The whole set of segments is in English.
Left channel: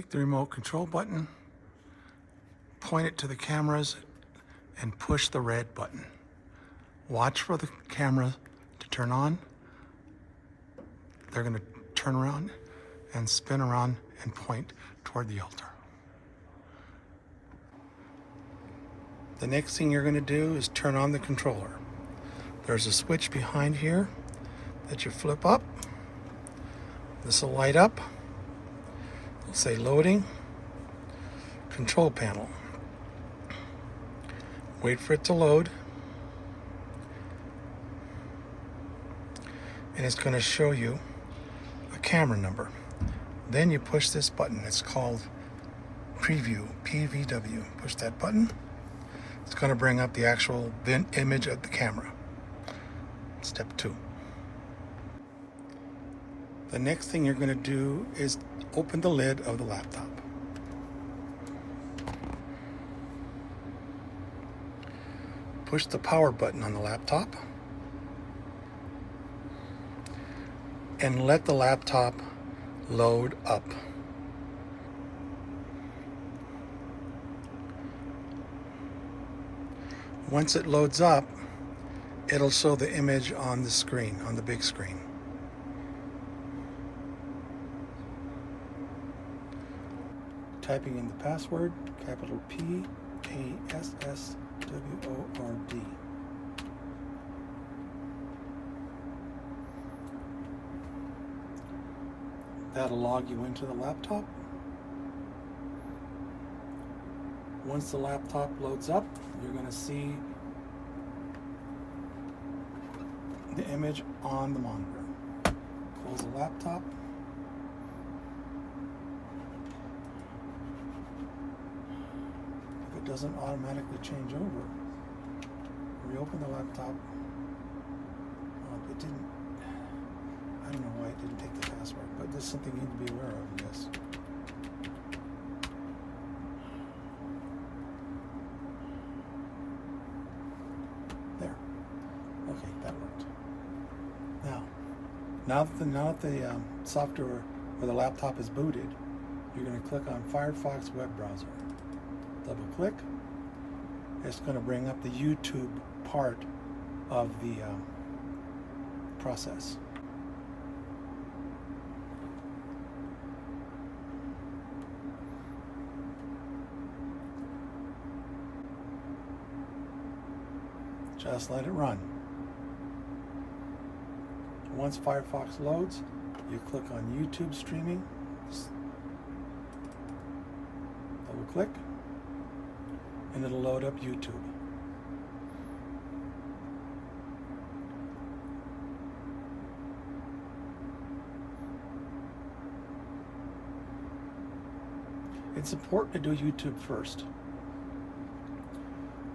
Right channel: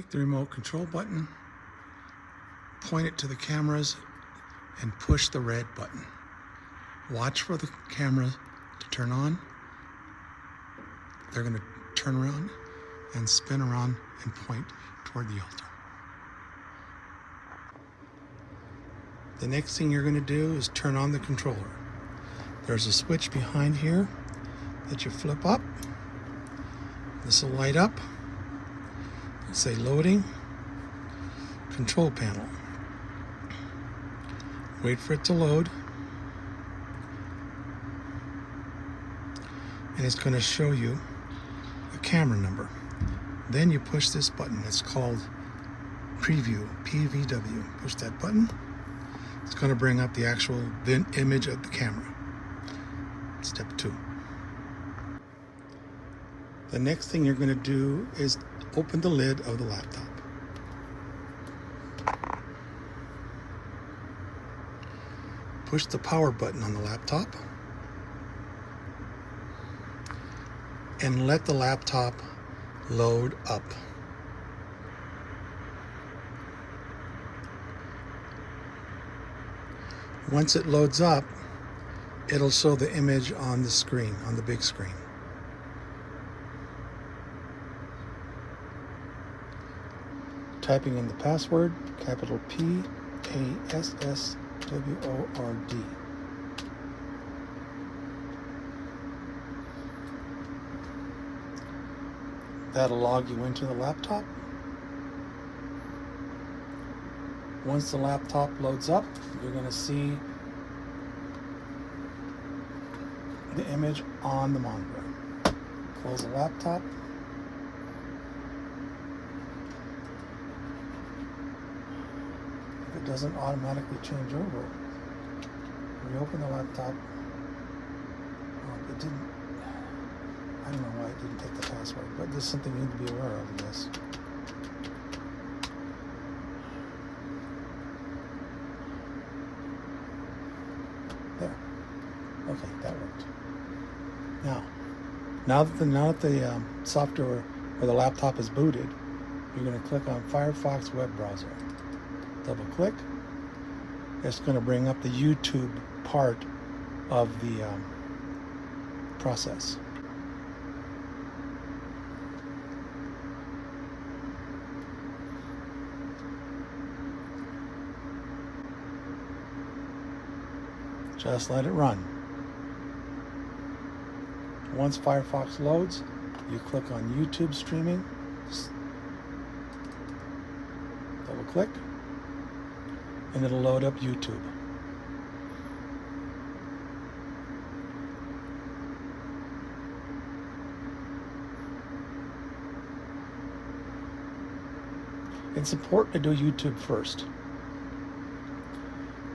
Take the remote control button, point it to the cameras, and push the red button. Watch for the camera to turn on. They're going to turn around and spin around and point toward the altar. The next thing you're going to do is turn on the controller. There's a switch behind here that you flip up. This will light up. It'll say loading, control panel. Wait for it to load. And it's going to show you a camera number. Then you push this button. It's called preview, PVW. Push that button. It's going to bring up the actual image of the camera. Step 2. The next thing you're going to do is open the lid of the laptop. Push the power button on the laptop and let the laptop load up. Once it loads up, it'll show the image on the screen, on the big screen. Typing in the password, capital P-A-S-S-W-O-R-D. That'll log you into the laptop. Once the laptop loads up, you're going to see the image on the monitor. Close the laptop. If it doesn't automatically change over, reopen the laptop. Oh, it didn't. I don't know why it didn't take the password, but there's something you need to be aware of in this. There. Okay, that worked. Now that the software or the laptop is booted, you're going to click on Firefox web browser. Double click. It's going to bring up the YouTube part of the process. Just let it run. Once Firefox loads, you click on YouTube streaming, double click, and it'll load up YouTube. It's important to do YouTube first,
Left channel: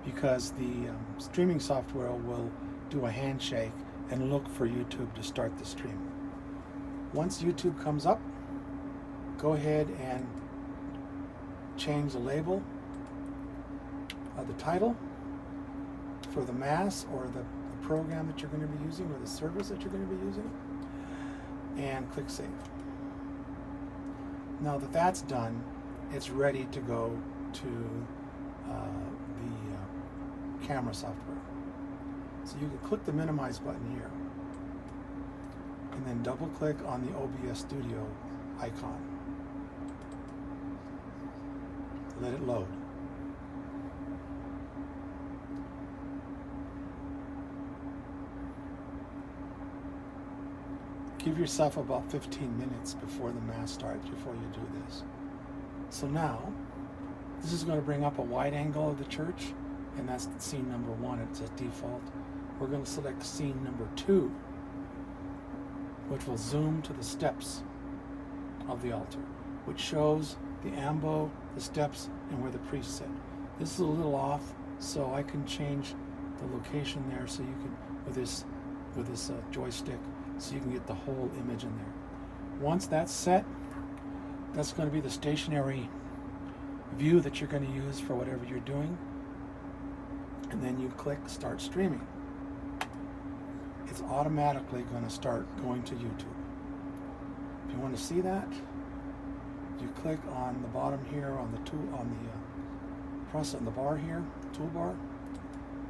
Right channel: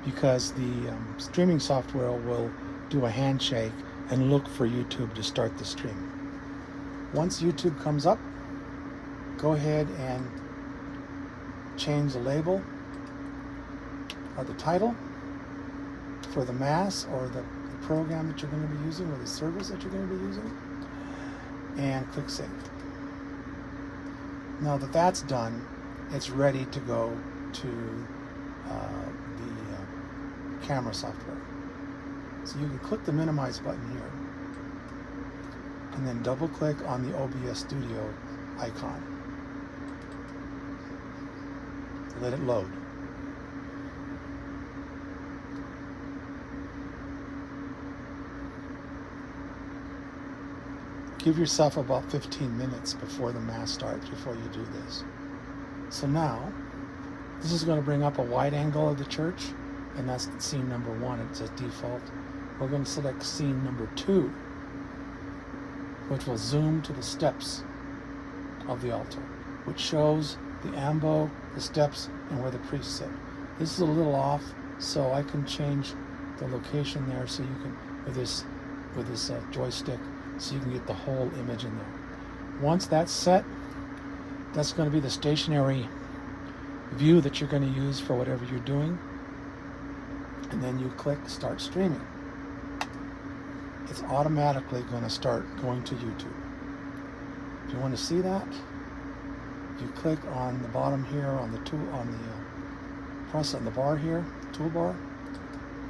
because the streaming software will do a handshake and look for YouTube to start the stream. Once YouTube comes up, go ahead and change the label of the title for the mass or the program that you're going to be using or the service that you're going to be using, and click Save. Now that that's done, it's ready to go to the camera software. So you can click the minimize button here and then double click on the OBS Studio icon. Let it load. Give yourself about 15 minutes before the mass starts, before you do this. So now, this is going to bring up a wide angle of the church, and that's scene number 1. It's a default. We're going to select scene number 2, which will zoom to the steps of the altar, which shows the ambo, the steps, and where the priests sit. This is a little off, so I can change the location there so you can, with this joystick, so you can get the whole image in there. Once that's set, that's going to be the stationary view that you're going to use for whatever you're doing. And then you click Start Streaming. It's automatically going to start going to YouTube. If you want to see that, you click on the bottom here on the tool on the press on the bar here, toolbar,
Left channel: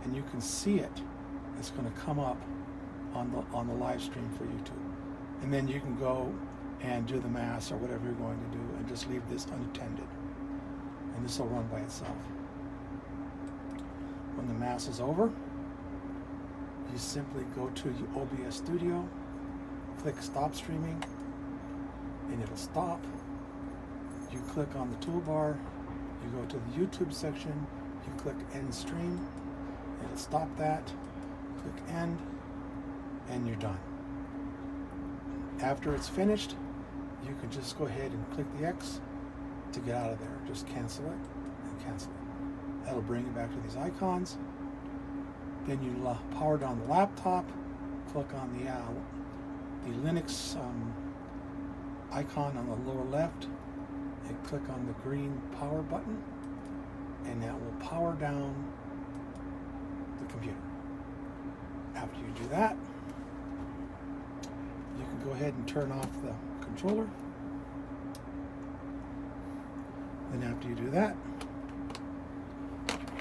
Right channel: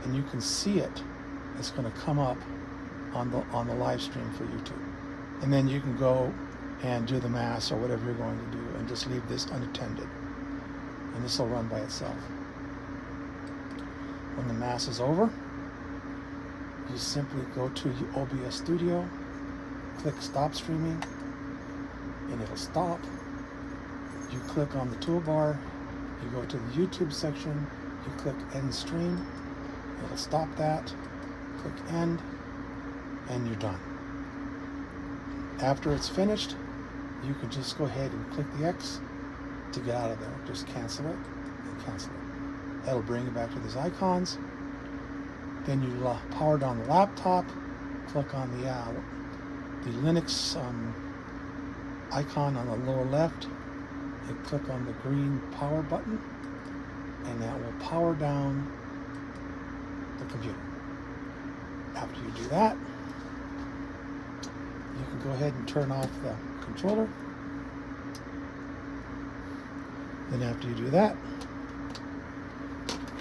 and you can see it. It's going to come up on the live stream for YouTube, and then you can go and do the mass or whatever you're going to do, and just leave this unattended, and this will run by itself. When the mass is over, you simply go to your OBS Studio, click Stop Streaming, and it'll stop. You click on the toolbar, you go to the YouTube section, you click End Stream, it'll stop that, click End, and you're done. After it's finished, you can just go ahead and click the X to get out of there. Just cancel it and cancel it. That'll bring you back to these icons. Then you power down the laptop, click on the Linux icon on the lower left, and click on the green power button, and that will power down the computer. After you do that, you can go ahead and turn off the controller. Then after you do that,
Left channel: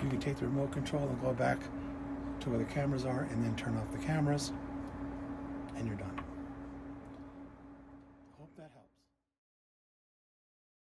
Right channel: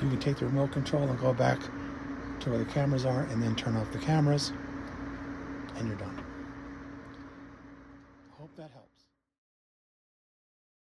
you can take the remote control and go back to where the cameras are, and then turn off the cameras, and you're done.